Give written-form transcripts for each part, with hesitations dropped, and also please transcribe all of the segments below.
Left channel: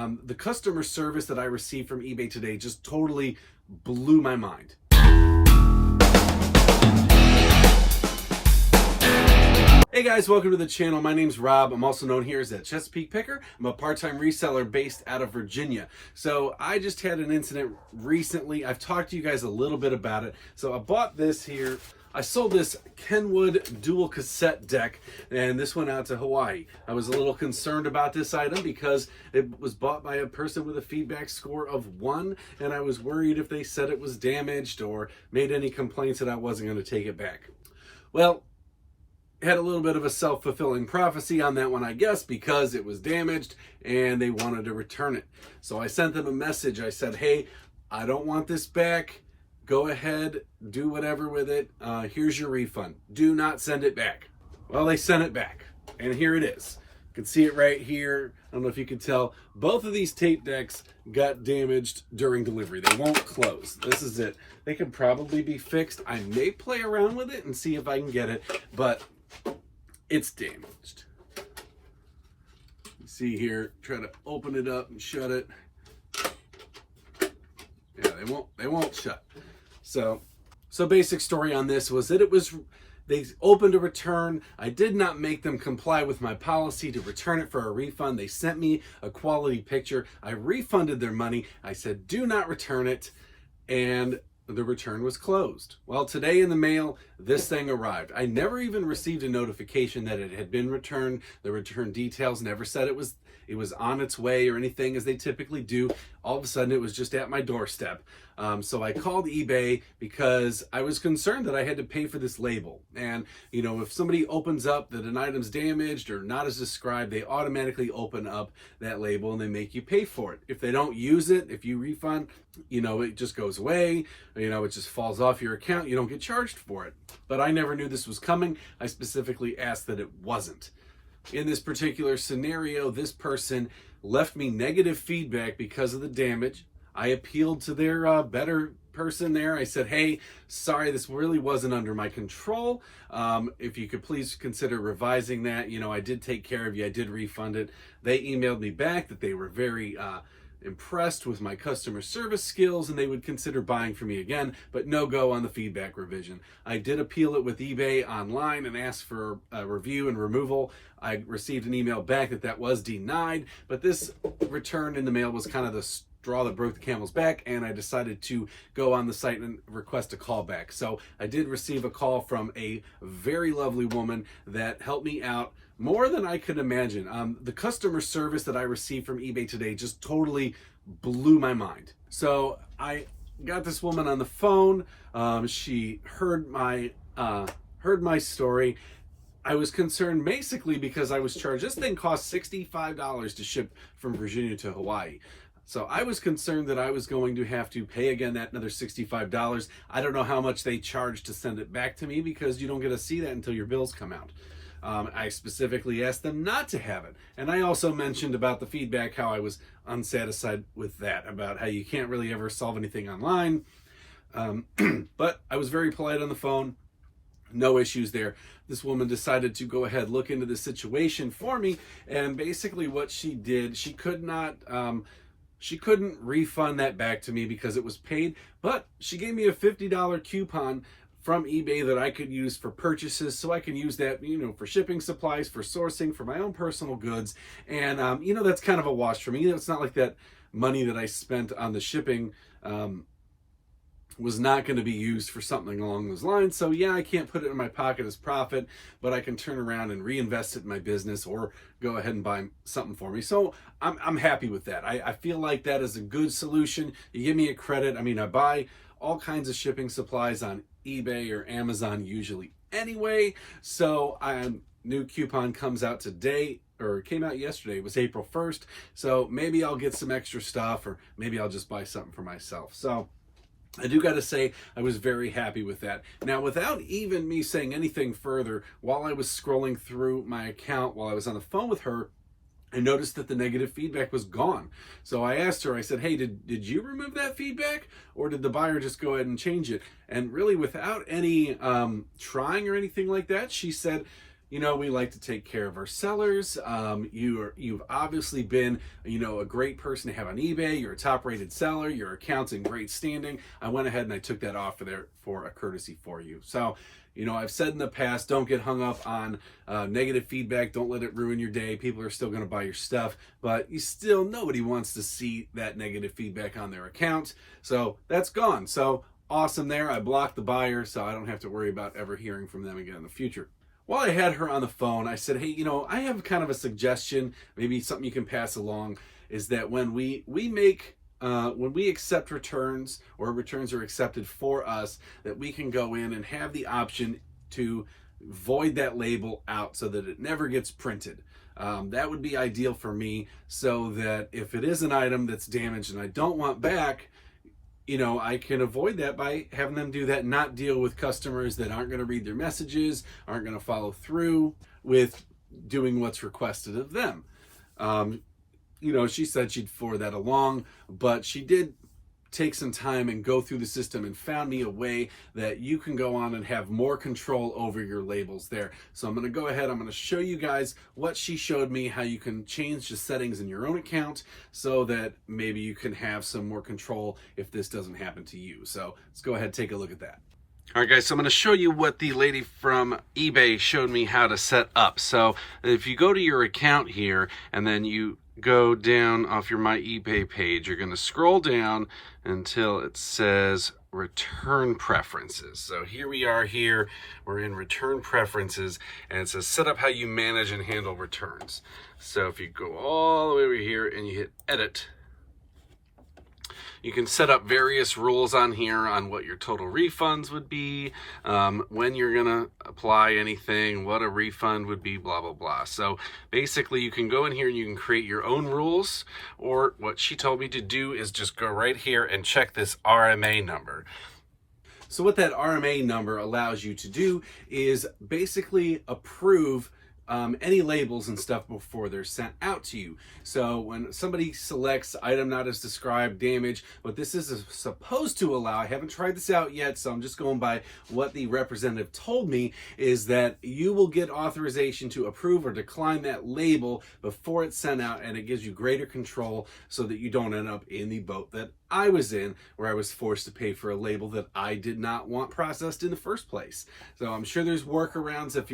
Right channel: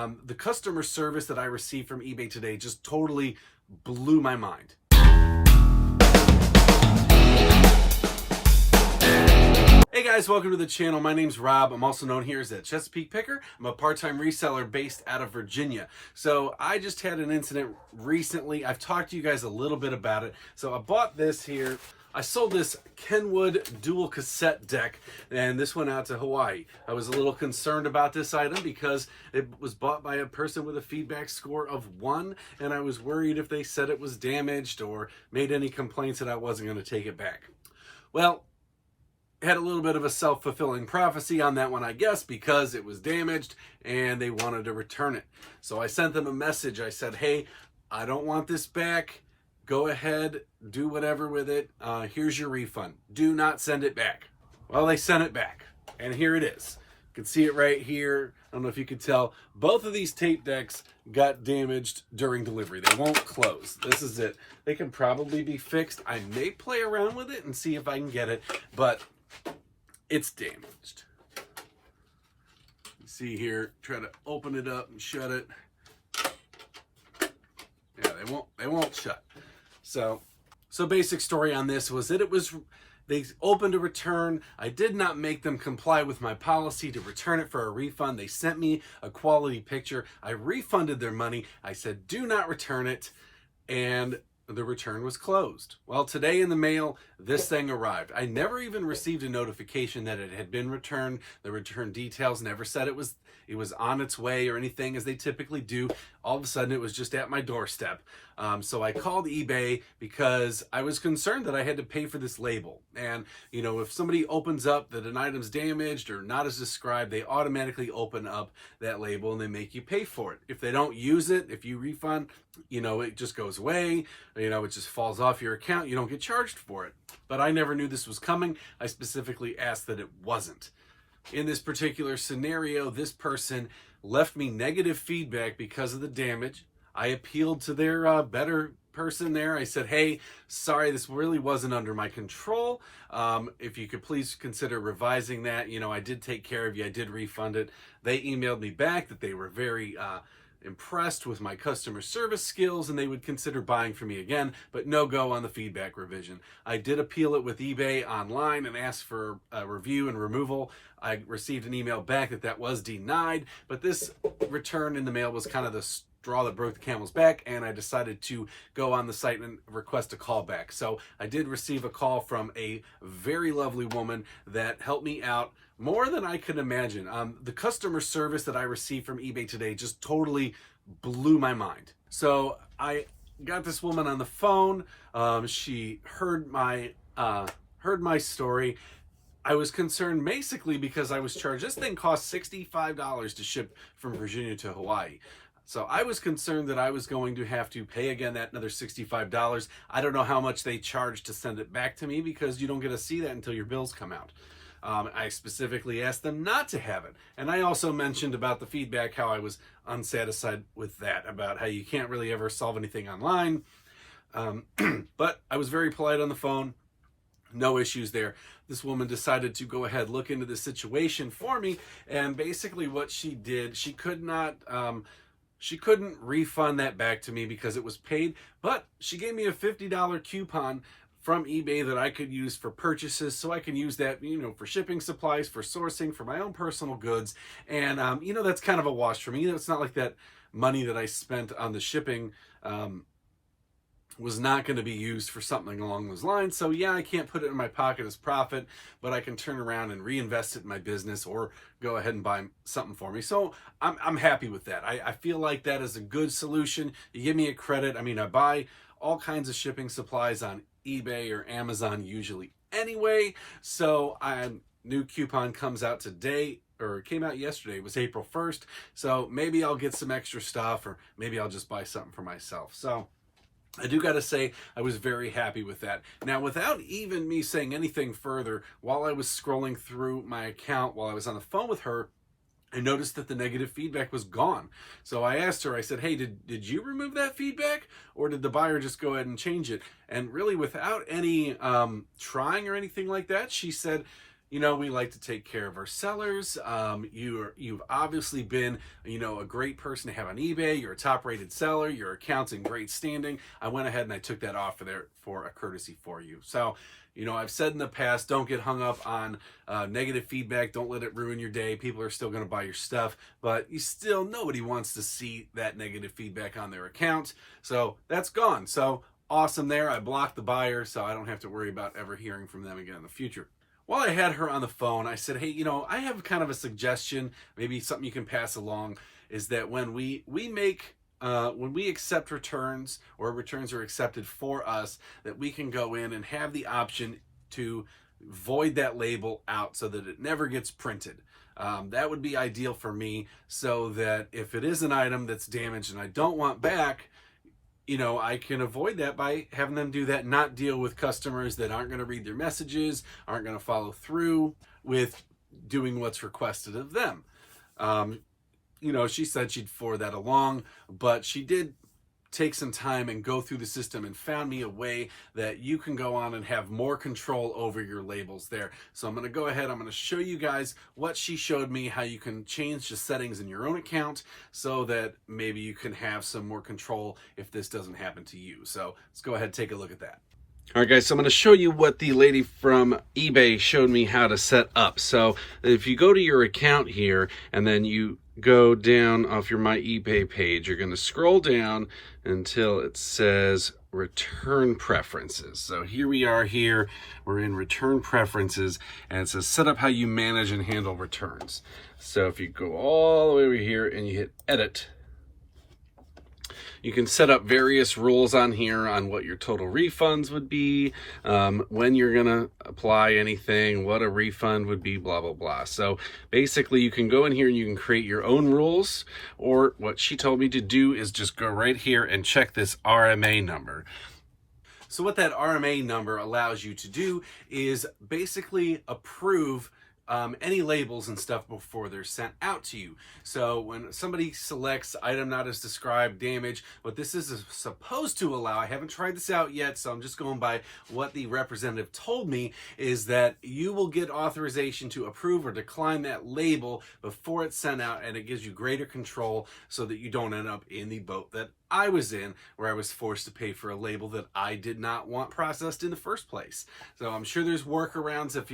The customer service that I received from eBay today just totally blew my mind. Hey guys, welcome to the channel. My name's Rob. I'm also known here as a Chesapeake Picker. I'm a part-time reseller based out of Virginia. So I just had an incident recently. I've talked to you guys a little bit about it. So I bought this here. I sold this Kenwood dual cassette deck, and this went out to Hawaii. I was a little concerned about this item because it was bought by a person with a feedback score of 1, and I was worried if they said it was damaged or made any complaints that I wasn't going to take it back. Well, had a little bit of a self-fulfilling prophecy on that one, I guess, because it was damaged and they wanted to return it. So I sent them a message. I said, hey, I don't want this back. Go ahead, do whatever with it. Here's your refund. Do not send it back. Well, they sent it back, and here it is. You can see it right here. I don't know if you can tell. Both of these tape decks got damaged during delivery. They won't close. This is it. They can probably be fixed. I may play around with it and see if I can get it, but it's damaged. You see here, try to open it up and shut it. Yeah, they won't shut. So basic story on this was that they opened a return. I did not make them comply with my policy to return it for a refund. They sent me a quality picture. I refunded their money. I said, do not return it. And the return was closed. Well, today in the mail, this thing arrived. I never even received a notification that it had been returned. The return details never said it was on its way or anything, as they typically do. All of a sudden, it was just at my doorstep. So I called eBay because I was concerned that I had to pay for this label. And, you know, if somebody opens up that an item's damaged or not as described, they automatically open up that label and they make you pay for it. If they don't use it, if you refund, you know, it just goes away. You know, it just falls off your account. You don't get charged for it. But I never knew this was coming. I specifically asked that it wasn't. In this particular scenario, this person left me negative feedback because of the damage. I appealed to their better person there. I said, hey, sorry, this really wasn't under my control. If you could please consider revising that. You know, I did take care of you. I did refund it. They emailed me back that they were very impressed with my customer service skills and they would consider buying from me again, but no go on the feedback revision. I did appeal it with eBay online and asked for a review and removal. I received an email back that was denied, but this return in the mail was kind of the straw that broke the camel's back, and I decided to go on the site and request a callback. So I did receive a call from a very lovely woman that helped me out more than I could imagine. The customer service that I received from eBay today just totally blew my mind. So I got this woman on the phone. She heard my story. I was concerned basically because I was charged. This thing cost $65 to ship from Virginia to Hawaii. So I was concerned that I was going to have to pay again that another $65. I don't know how much they charge to send it back to me because you don't get to see that until your bills come out. I specifically asked them not to have it. And I also mentioned about the feedback, how I was unsatisfied with that, about how you can't really ever solve anything online. But I was very polite on the phone. No issues there. This woman decided to go ahead, look into the situation for me. And basically what she did, she couldn't refund that back to me because it was paid, but she gave me a $50 coupon from eBay that I could use for purchases, so I can use that, you know, for shipping supplies, for sourcing, for my own personal goods. And, you know, that's kind of a wash for me. You know, it's not like that money that I spent on the shipping was not going to be used for something along those lines. So yeah, I can't put it in my pocket as profit, but I can turn around and reinvest it in my business or go ahead and buy something for me. So I'm happy with that. I feel like that is a good solution. You give me a credit. I mean, I buy all kinds of shipping supplies on eBay or Amazon usually anyway. So new coupon comes out today, or it came out yesterday. It was April 1st. So maybe I'll get some extra stuff, or maybe I'll just buy something for myself. So I do got to say, I was very happy with that. Now, without even me saying anything further, while I was scrolling through my account, while I was on the phone with her, I noticed that the negative feedback was gone. So I asked her, I said, hey, did you remove that feedback? Or did the buyer just go ahead and change it? And really, without any trying or anything like that, she said, you know, we like to take care of our sellers. You've obviously been, you know, a great person to have on eBay. You're a top-rated seller. Your account's in great standing. I went ahead and I took that off of there for a courtesy for you. So, you know, I've said in the past, don't get hung up on negative feedback. Don't let it ruin your day. People are still going to buy your stuff, but nobody wants to see that negative feedback on their account. So that's gone. So awesome there. I blocked the buyer, so I don't have to worry about ever hearing from them again in the future. While I had her on the phone, I said, hey, you know, I have kind of a suggestion, maybe something you can pass along, is that when we accept returns, or returns are accepted for us, that we can go in and have the option to void that label out so that it never gets printed. That would be ideal for me, so that if it is an item that's damaged and I don't want back, you know, I can avoid that by having them do that, not deal with customers that aren't going to read their messages, aren't going to follow through with doing what's requested of them. You know, she said she'd forward that along, but she did take some time and go through the system and found me a way that you can go on and have more control over your labels there. So I'm going to go ahead, I'm going to show you guys what she showed me, how you can change the settings in your own account so that maybe you can have some more control if this doesn't happen to you. So let's go ahead and take a look at that. All right, guys, so I'm going to show you what the lady from eBay showed me how to set up. So if you go to your account here and then you go down off your My eBay page, you're going to scroll down until it says Return Preferences. So here we are here. We're in Return Preferences, and it says set up how you manage and handle returns. So if you go all the way over here and you hit Edit, you can set up various rules on here on what your total refunds would be, when you're gonna apply anything, what a refund would be, blah, blah, blah. So basically you can go in here and you can create your own rules, or what she told me to do is just go right here and check this RMA number. So what that RMA number allows you to do is basically approve any labels and stuff before they're sent out to you. So when somebody selects item not as described, damage, what this is supposed to allow, I haven't tried this out yet, so I'm just going by what the representative told me, is that you will get authorization to approve or decline that label before it's sent out, and it gives you greater control so that you don't end up in the boat that I was in, where I was forced to pay for a label that I did not want processed in the first place. So I'm sure there's workarounds if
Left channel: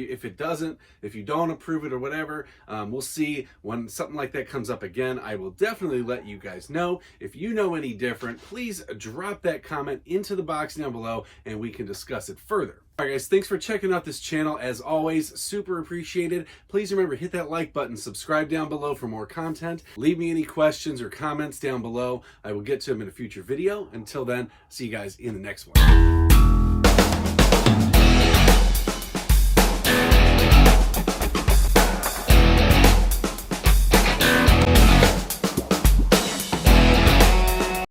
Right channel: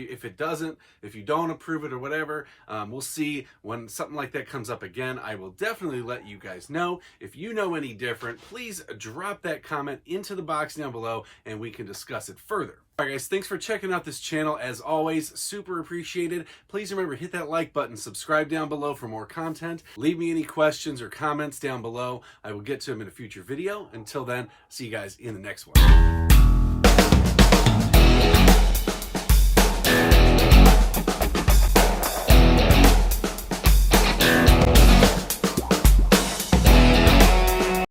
you don't approve it or whatever. We'll see when something like that comes up again. I will definitely let you guys know. If you know any different, please drop that comment into the box down below and we can discuss it further. All right, guys, thanks for checking out this channel. As always, super appreciated. Please remember, hit that like button, subscribe down below for more content. Leave me any questions or comments down below. I will get to them in a future video. Until then, see you guys in the next one.